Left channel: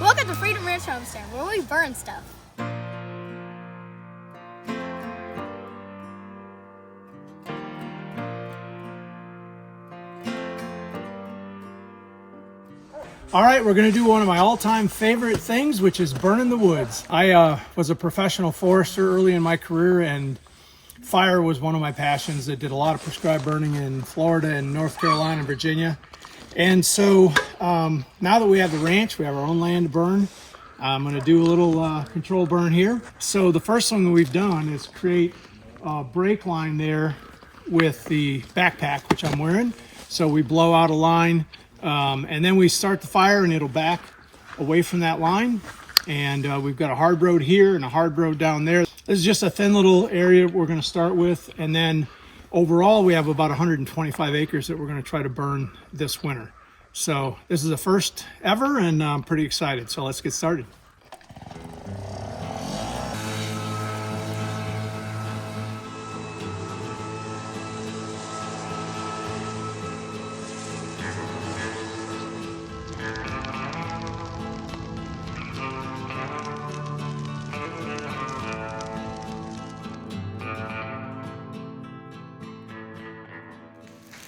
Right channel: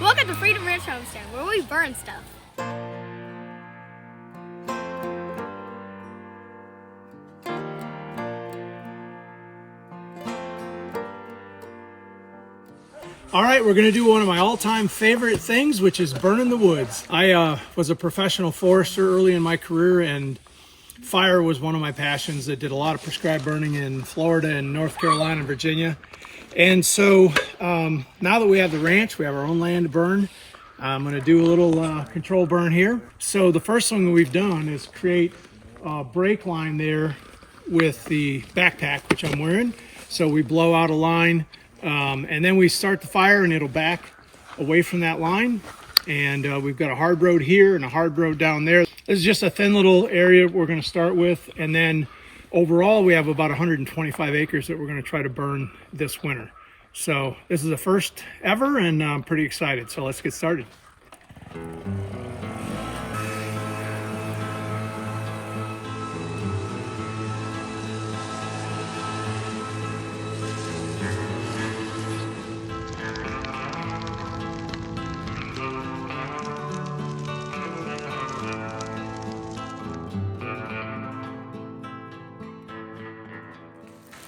Welcome to Freedom Ranch Homestead, where we burn stuff. All right, we're gonna do one of my all-time favorite things, which is burning the woods. I was a professional forester early in my career, and fire was one of my passions. I did a lot of prescribed burning in Florida and North Carolina and Virginia. And so now that we have the ranch, we have our own land to burn, I'm gonna do a little control burn here. So the first thing we've done is create a brake line there with the backpack, which I'm wearing. So we blow out a line, and then we start the fire and it'll back away from that line. And we've got a hard road here and a hard road down there. This is just a thin little area we're going to start with. And then overall, we have about 125 acres that we're going to try to burn this winter. So this is the first ever, and I'm pretty excited. So let's get started.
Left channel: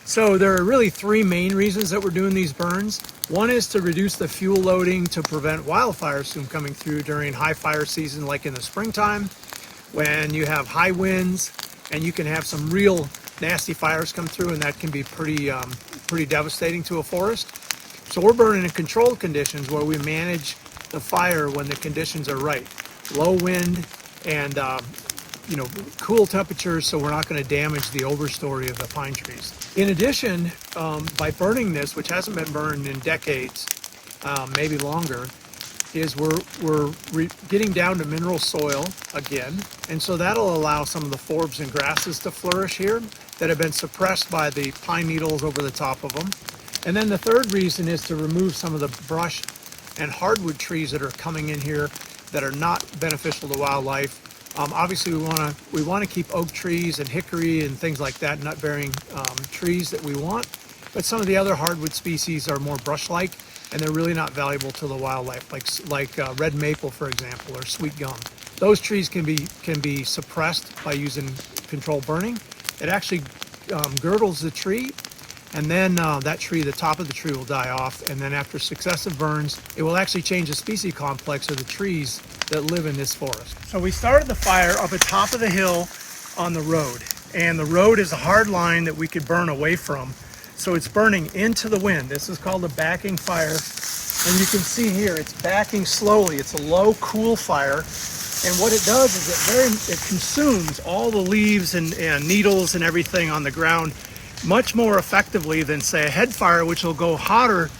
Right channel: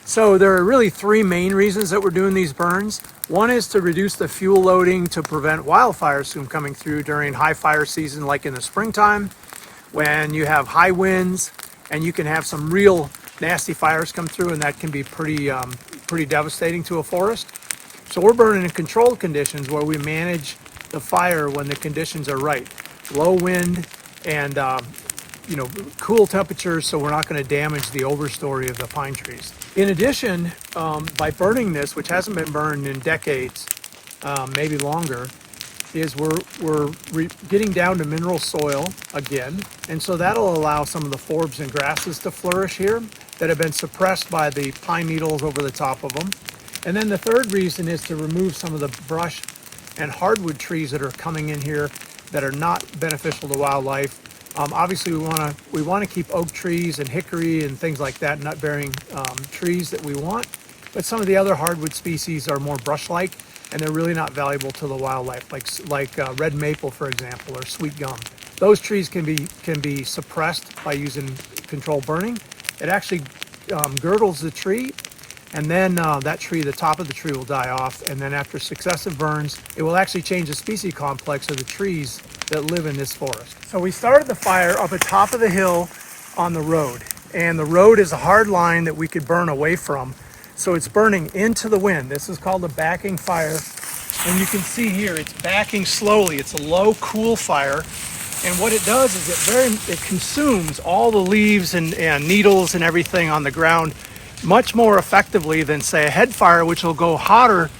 So there are really three main reasons that we're doing these burns. One is to reduce the fuel loading to prevent wildfires from coming through during high fire season, like in the springtime, when you have high winds and you can have some real nasty fires come through, and that can be pretty devastating to a forest. So we're burning in controlled conditions where we manage the fire when the conditions are right. Low wind and cool temperatures, so we're not going to damage the overstory of the pine trees. In addition, by burning this, which hasn't been burned in decades, maybe longer, is we're getting down to mineral soil again, and so that'll allow some of the forbs and grasses to flourish here that have been suppressed by the pine needles over the top of them. And then the third reason is to remove some of the brush and hardwood trees that are coming in here that are not beneficial to wildlife. Obviously, we want to keep oak trees and hickory and things like that, nut-bearing trees that we want. But some of the other hardwood species are more brush-like, and they're really not valuable to the wildlife, like red maple, for example, or sweet gum. Those trees can be suppressed by using controlled burning. It actually girdles the tree, and then that tree, the top of the tree, will die off. And then after successive burns, it will actually change the species complex of the trees that live in this forest. So we started the fire up at the top of the hill on the road, and the road is a hard line that we could burn away from. So it's burning into the wind. This is called a backing fire, and you can see here it's backing slowly. It's a low, cool fire, and what it does is it consumes all the leaves and needles and everything on the ground much more effectively than, say, a head fire, which will go hotter,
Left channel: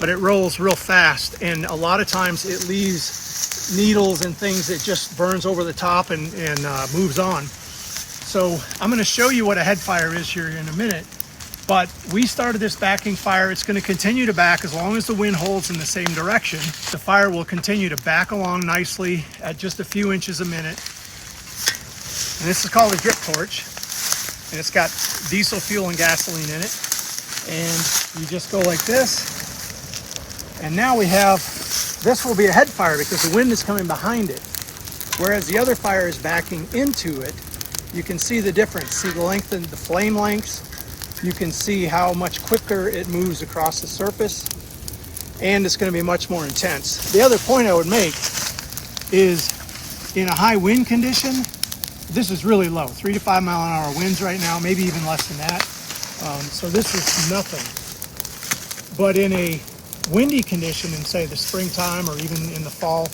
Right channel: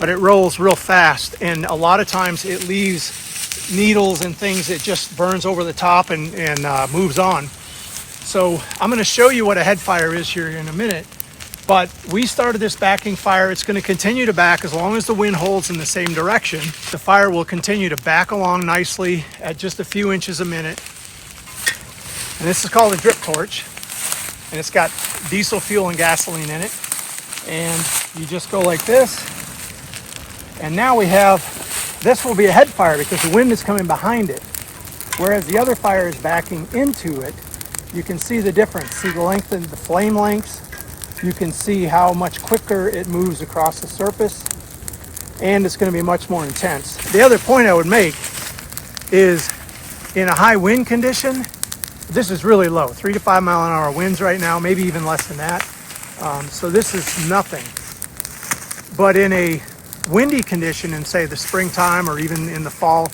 but it rolls real fast, and a lot of times it leaves needles and things that just burns over the top and moves on. So I'm going to show you what a head fire is here in a minute, but we started this backing fire. It's going to continue to back as long as the wind holds in the same direction. The fire will continue to back along nicely at just a few inches a minute. And this is called a drip torch, and it's got diesel fuel and gasoline in it. And you just go like this, and now we have, this will be a head fire because the wind is coming behind it, whereas the other fire is backing into it. You can see the difference. See the length of the flame lengths. You can see how much quicker it moves across the surface, and it's going to be much more intense. The other point I would make is, in a high wind condition, this is really low, 3 to 5 mile an hour winds right now, maybe even less than that. So this is nothing. But in a windy condition in, say, the springtime or even in the fall,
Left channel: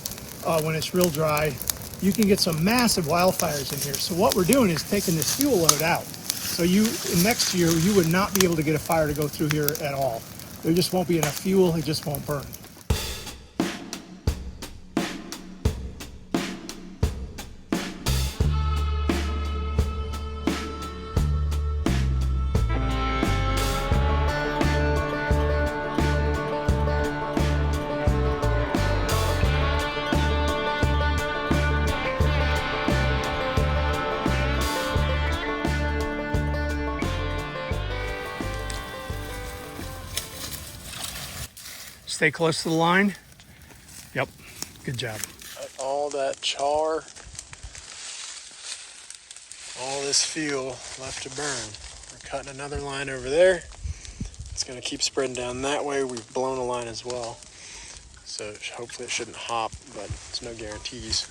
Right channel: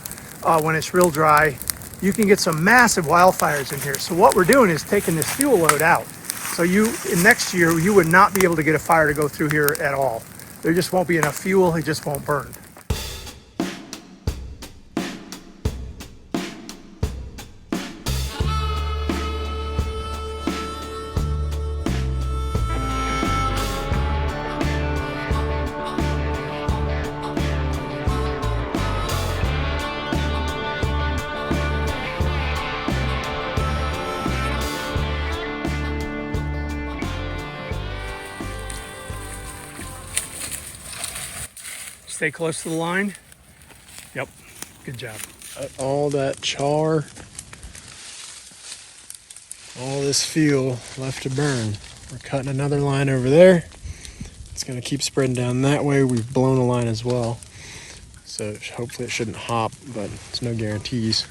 when it's real dry, you can get some massive wildfires in here. So what we're doing is taking this fuel load out. So next year, you would not be able to get a fire to go through here at all. There just won't be enough fuel, it just won't burn. Stay close to the line. Yep, good job. All that char, all this fuel left to burn. We're cutting another line over there. It's going to keep spreading down that way. We've blown a line as well. So hopefully it shouldn't hop, but it's no guarantees.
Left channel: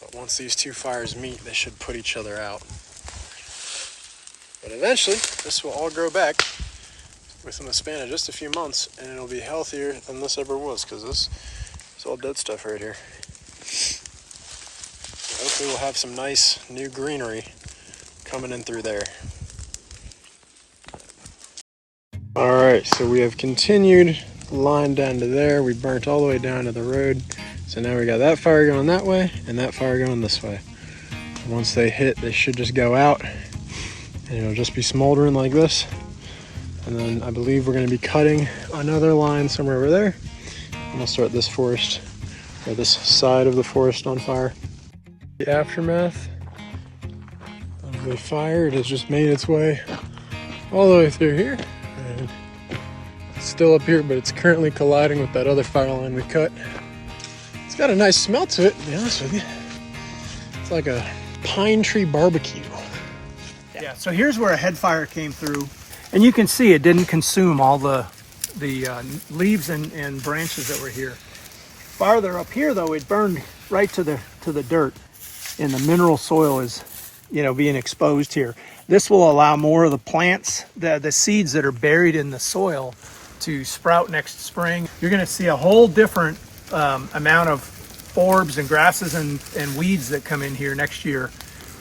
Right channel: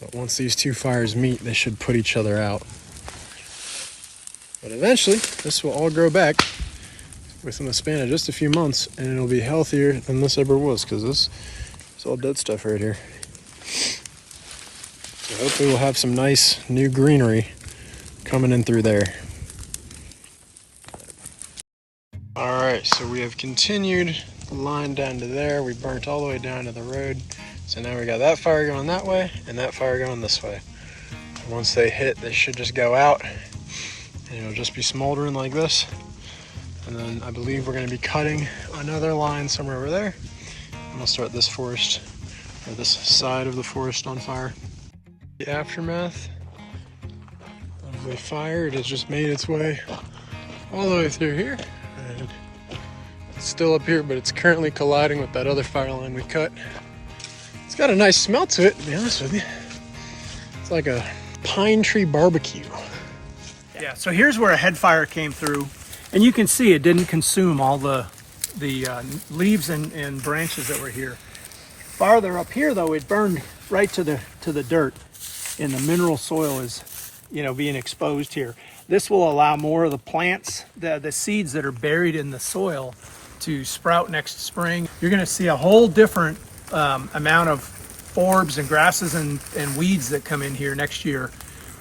But once these two fires meet, they should put each other out. But eventually, this will all grow back within the span of just a few months, and it'll be healthier than this ever was, because this is all dead stuff right here. So hopefully we'll have some nice new greenery coming in through there. All right, so we have continued the line down to there. We burnt all the way down to the road. So now we got that fire going that way and that fire going this way. And once they hit, they should just go out and it'll just be smoldering like this. And then I believe we're gonna be cutting another line somewhere over there. And we'll start this forest, or this side of the forest on fire. The aftermath of the fire, it has just made its way all the way through here. And it's still up here, but it's currently colliding with that other fire line we cut. It's got a nice smell to it, to be honest with you. It's like a pine tree barbecue. Yeah, so here's where a head fire came through. And you can see it didn't consume all the leaves and branches that were here. Farther up here, though, it burned right to the dirt. And the mineral soil is, being exposed here. This will allow more of the plants, the seeds that are buried in the soil, to sprout next spring. You're going to see a whole different amount of forbs and grasses and weeds that come in here next year,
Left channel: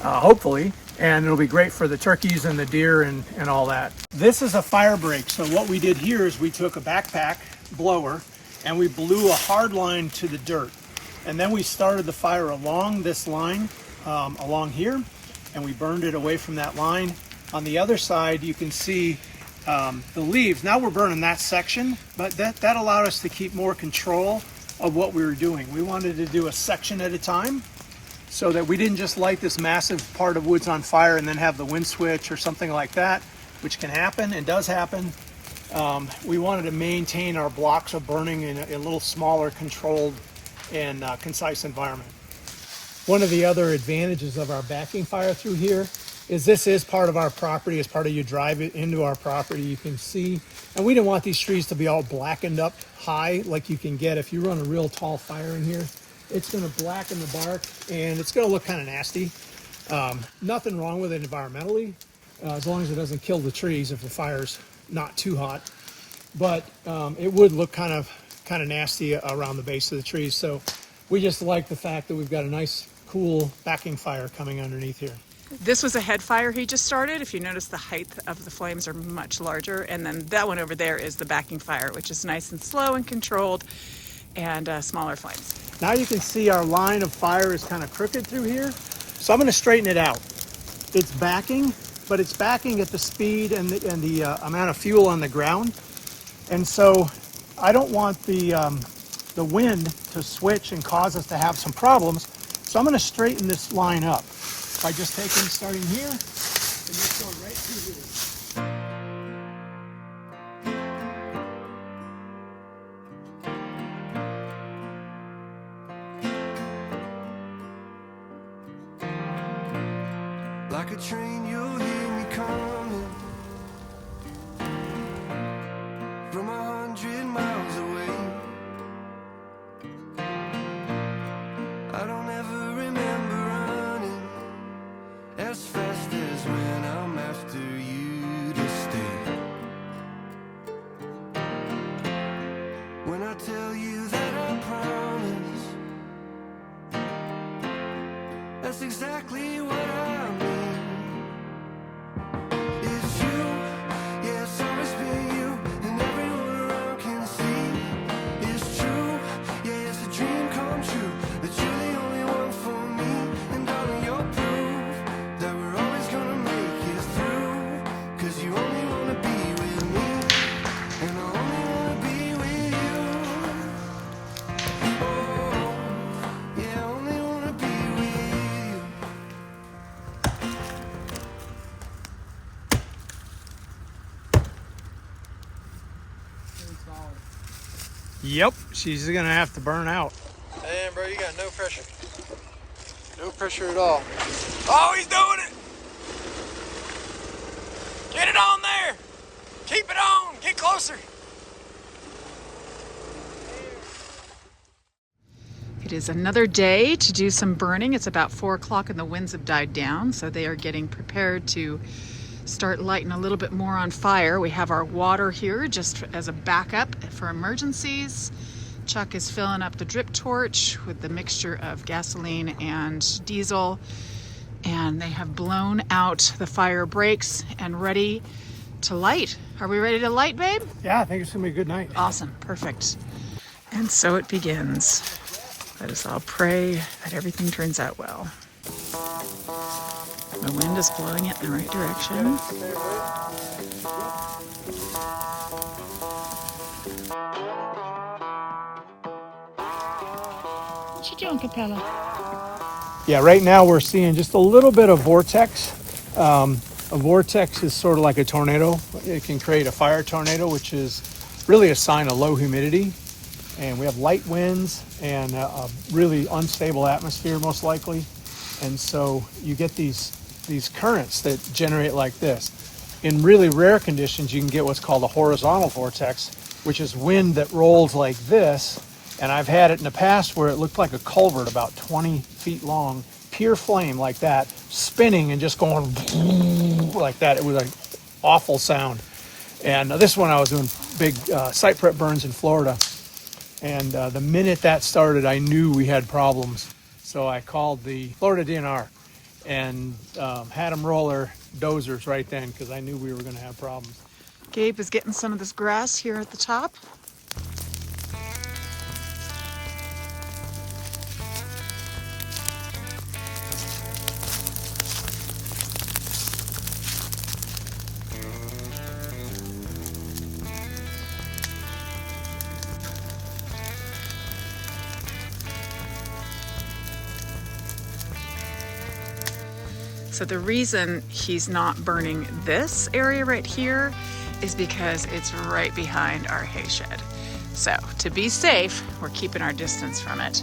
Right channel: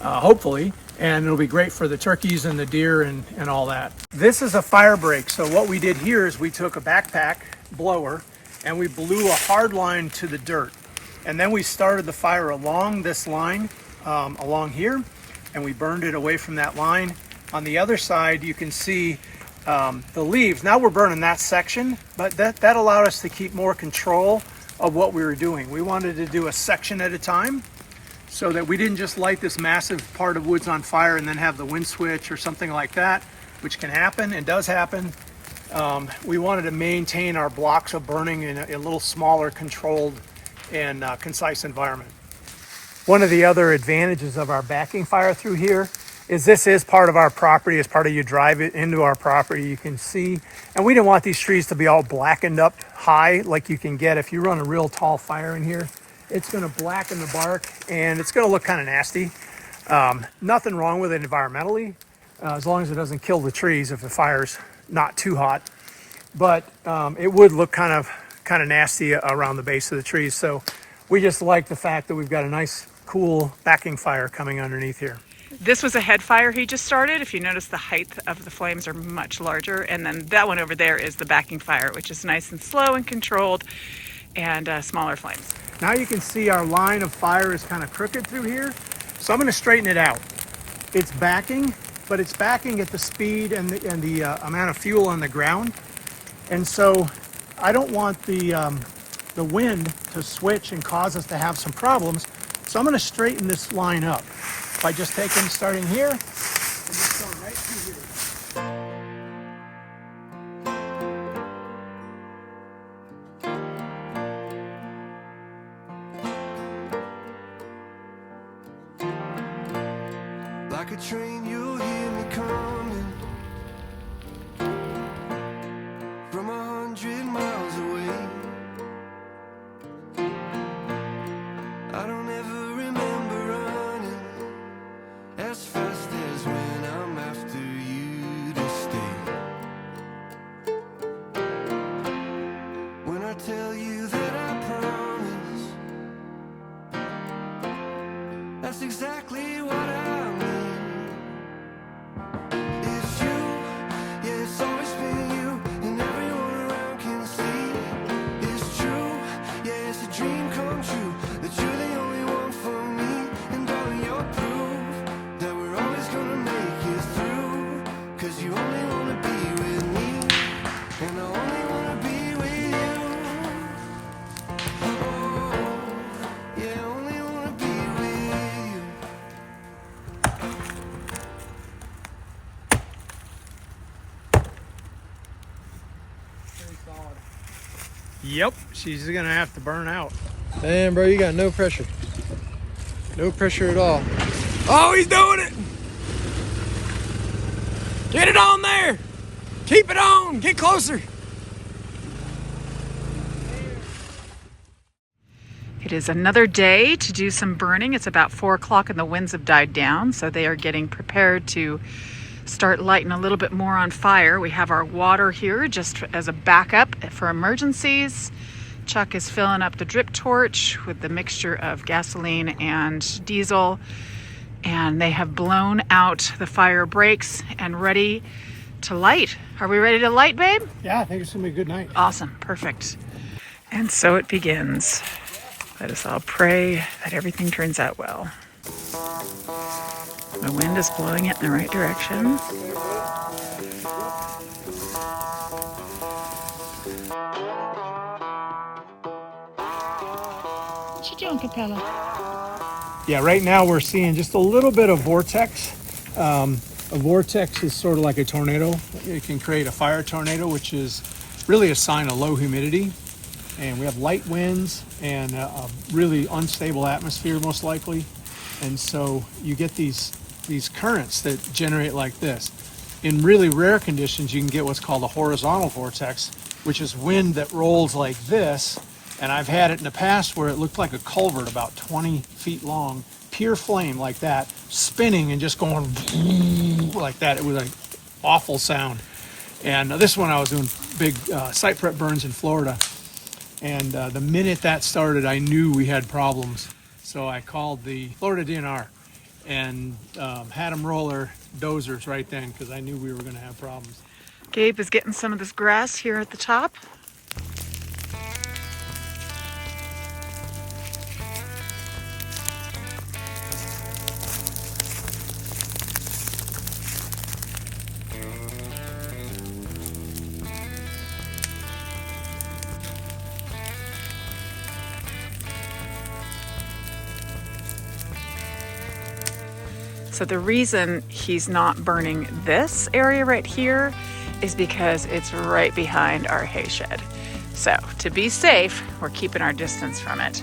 hopefully. And it'll be great for the turkeys and the deer and all that. This is a fire break. So what we did here is we took a backpack blower and we blew a hard line to the dirt. And then we started the fire along this line, along here, and we burned it away from that line. On the other side, you can see the leaves. Now we're burning that section, but that allowed us to keep more control of what we were doing. We wanted to do a section at a time so that we didn't just light this massive part of woods on fire and then have the wind switch or something like that, which can happen and does happen. We wanted to maintain our blocks of burning in a little smaller, controlled and concise environment. One of the other advantages of our backing fire through here is this is part of our property. As part of you drive it into our property, you can see, and we didn't want these trees to be all blackened up high like you can get if you run a real tall fire in here. It's going to blacken the bark and it's going to look kind of nasty. Nothing wrong with it environmentally, as long as it doesn't kill the trees if the fire's not too hot. But it would look kind of nasty around the base of the trees. So we just like the fact that we've got a nice, cool backing fire coming underneath here. This was a head fire he just started. If you notice, the height of the flames are much larger. And then that one over there is the backing fire, which is nice and slow and controlled and smaller flames. Now you can see our line of fire is kind of crooked through here. So I'm going to straighten it out. It's backing, but it's backing at the speed and the amount of fuel on the ground. And so I don't want the wind to switch and cause us to have some problems. So I'm going to straighten this line up by just starting here and just going right through here. Like a train, you'll hear me coming from 100 miles away. I don't ever remember running as fast as when I'm after you to stay. When I tell you that I promise, that's exactly what I mean. It's you, yeah, it's always been you, and everyone around can see. It's true, yeah, it's a dream come true, that you're the only one for me. And darling, you're proof that we're always gonna make it through. Cause you only wanna be with me, and I only wanna be with you. Oh, yeah, I only wanna be with you. Yep, she's gonna have to burn out. Damn, bro, you got no pressure. No pressure at all. Oh, he's doing it! Get it on there! Keep it on! Get closer! It is another day to do some burning. It's about 4 o'clock and the winds have died down, so they are getting prepared to start lighting a little bit more on fire. We have our water here just as a backup for emergencies. Chuck is filling up the drip torch with the mixture of gasoline and diesel, and they have blown out the fire breaks and ready to light. Are we ready to light, babe? Yeah, I think it's gonna be a good night. Awesome, perfect. And so it begins. Let us all pray that everything turns out well. The wind is blowing it in the right direction. What you doing, Capella? Yeah, right now we're seeing just a little bit of vortex. A vortex is sort of like a tornado. It can create a fire tornado, which is really a sign of low humidity. And we have light winds and a really unstable atmosphere, most likely. And so you get these currents that generate like this. In really rare conditions, you can get what's called a horizontal vortex, which is wind that rolls like this. And I've had it in the past where it looked like a culvert about 20 feet long, pure flame like that, spinning and just going like that. It was an awful sound. And this one I was doing big site prep burns in Florida. And the minute that started, I knew we had problems. So I called the Florida DNR and had them roll their dozers right then because I knew we were going to have problems. Gabe is getting some of this grass here at the top. So the reason he's not burning this area right here is because it's right behind our hay shed. So to be safe, we're keeping our distance from it.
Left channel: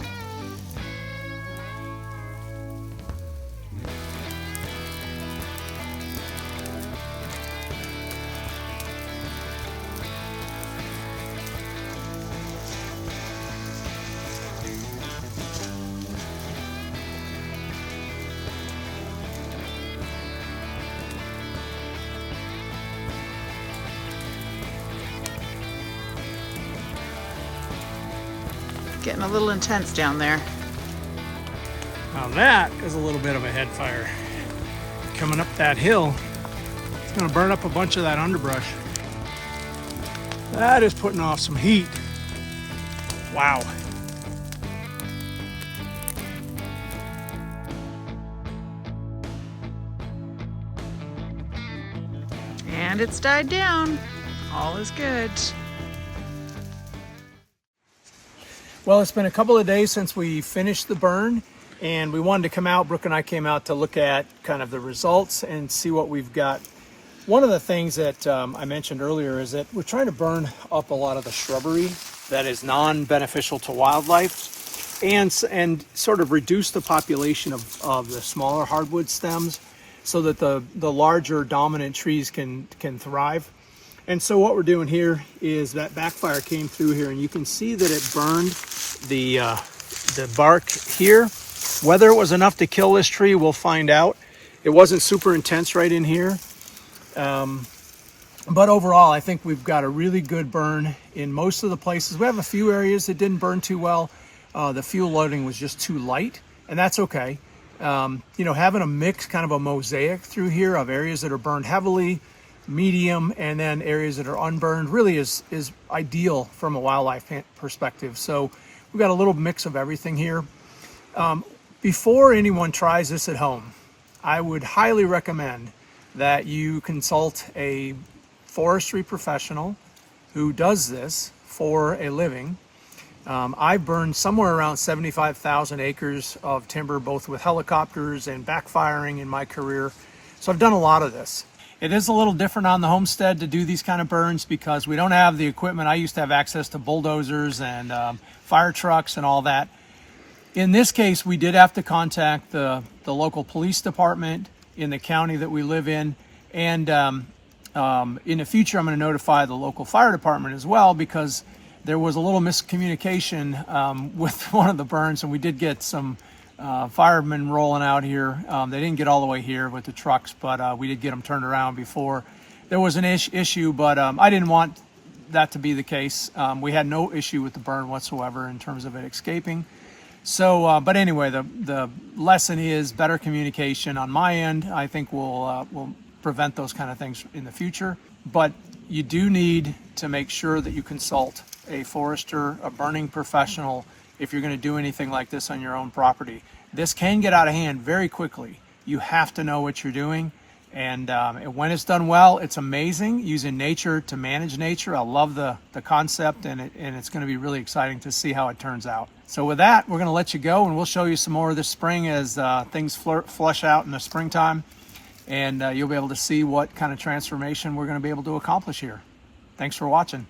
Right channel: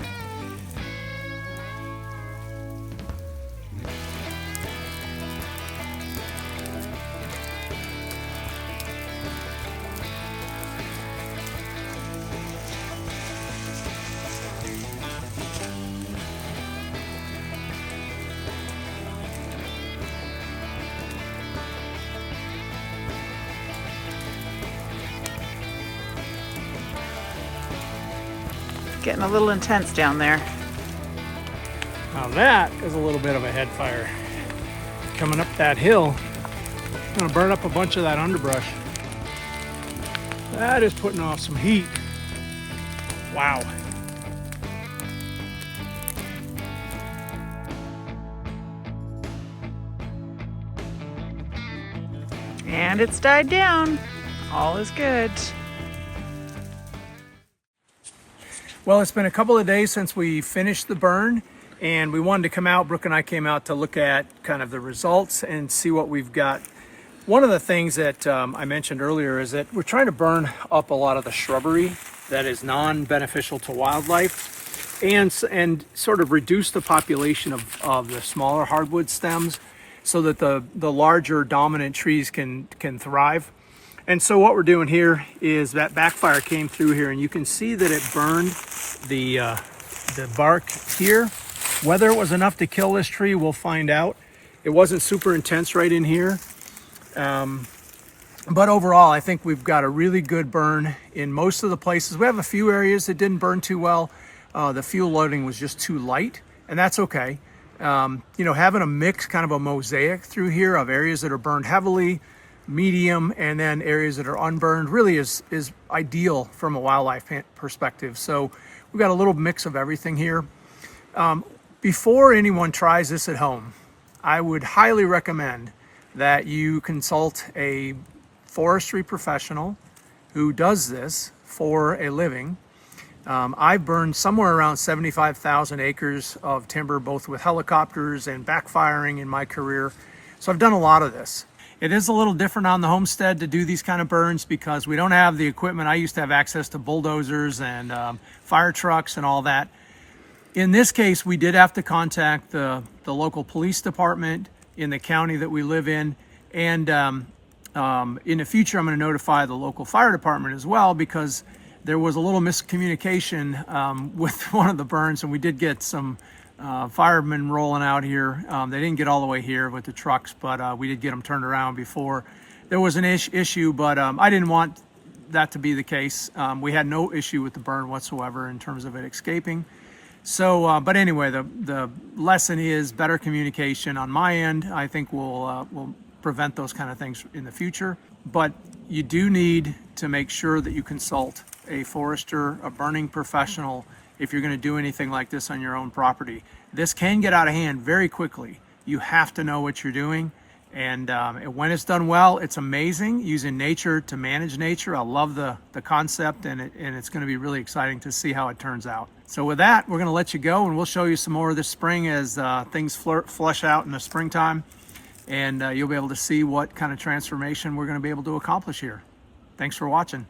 Getting a little intense down there. Now that is a little bit of a head fire. Coming up that hill, it's gonna burn up a bunch of that underbrush. That is putting off some heat. Wow. And it's died down. All is good. Well, it's been a couple of days since we finished the burn, and we wanted to come out. Brooke and I came out to look at kind of the results and see what we've got. One of the things that I mentioned earlier is that we're trying to burn up a lot of the shrubbery that is non-beneficial to wildlife and sort of reduce the population of the smaller hardwood stems so that the larger dominant trees can thrive. And so what we're doing here is that backfire came through here, and you can see that it burned the bark here. Whether it was enough to kill this tree, we'll find out. It wasn't super intense right in here. But overall, I think we've got a really good burn in most of the places. We have a few areas that didn't burn too well. The fuel loading was just too light, and that's okay. Having a mix, kind of a mosaic through here of areas that are burned heavily, medium, and then areas that are unburned really is ideal from a wildlife perspective. So we've got a little mix of everything here. Before anyone tries this at home, I would highly recommend that you consult a forestry professional who does this for a living. I've burned somewhere around 75,000 acres of timber, both with helicopters and backfiring in my career. So I've done a lot of this. It is a little different on the homestead to do these kind of burns because we don't have the equipment. I used to have access to bulldozers and fire trucks and all that. In this case, we did have to contact the local police department in the county that we live in. And in the future, I'm going to notify the local fire department as well, because there was a little miscommunication with one of the burns, and we did get some firemen rolling out here. They didn't get all the way here with the trucks, but we did get them turned around before there was an issue. But I didn't want that to be the case. We had no issue with the burn whatsoever in terms of it escaping. So, but anyway, the lesson is better communication on my end. I think will prevent those kind of things in the future. But you do need to make sure that you consult a forester, a burning professional, if you're going to do anything like this on your own property. This can get out of hand very quickly. You have to know what you're doing. And when it's done well, it's amazing, using nature to manage nature. I love the concept, and it's going to be really exciting to see how it turns out. So with that, we're going to let you go, and we'll show you some more this spring as things flush out in the springtime. And you'll be able to see what kind of transformation we're going to be able to accomplish here. Thanks for watching.